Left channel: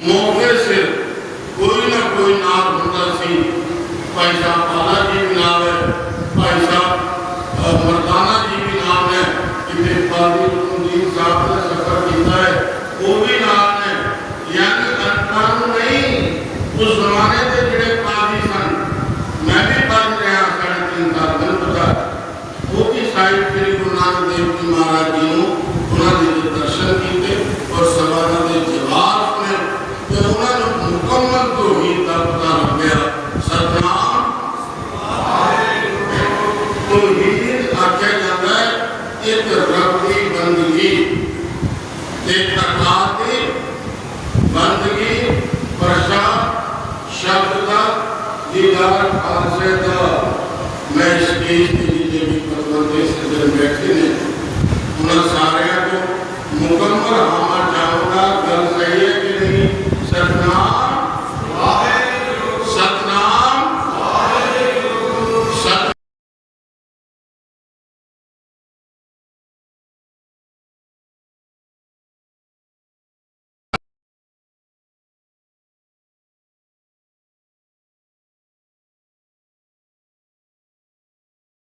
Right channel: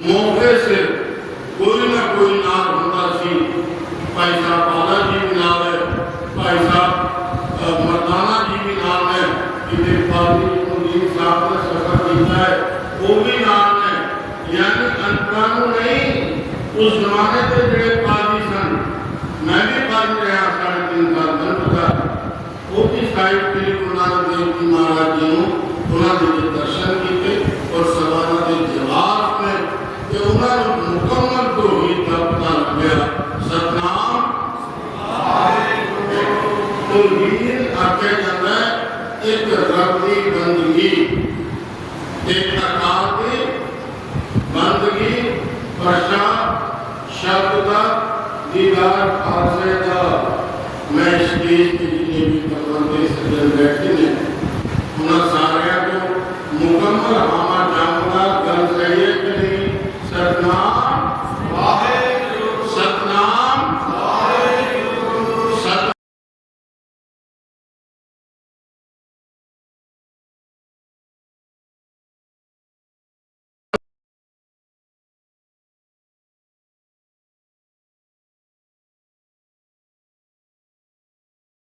ਮੌਕੇ ਸਿਰ ਕੋਈ ਨਾ ਕੋਈ ਨਾਲ ਹੁੰਦਾ ਸੀ ਭਾਈ ਸਾਹਿਬ ਬਾਲਾ ਜੀ ਵੀ ਨਾਲ ਹੈ ਭਾਈ ਸਾਹਿਬ ਅ, ਮਰਦਾਨਾ ਜੀ ਵੀ ਨਾਲ ਹੈ ਕਿਤੇ ਫਾਜ਼ਿਲ ਮੁਦੀਨ ਸਾਹਿਬ ਨੇ ਸਫਰ ਕੀਤਾ ਹੈ ਉਹ ਵੀ ਨਾਲ ਨੇ ਯਾਨੀ ਅੰਤਾਂ ਨੂੰ ਨਹੀਂ ਉਸ ਜ਼ਮਾਨੇ ਦੇ ਜਿਹੜੇ ਕਾਜ਼ੀ ਸਨ ਮੈਂ ਵੀ ਪੜ੍ਹ ਰਿਹਾ ਸਾਢੇ ਤਿੰਨ ਸਾਲ ਮੈਨੂੰ ਪਤਾ ਉਹ ਵੀ ਸਾਹਿਬ ਸ੍ਰੀ ਗੁਰੂ ਨਾਨਕ ਦੇਵ ਜੀ ਮਹਾਰਾਜ ਜੀ ਨੂੰ ਉਹਨਾਂ ਦੇ ਵੀ ਦਰਸ਼ਨ रखे अंदर एक रब की बंदगी, एक प्रकार की बंदगी। भाषा शब्द का दीदार खालसे का मैं इसकी जितने भी प्रबंधे सदन बैठे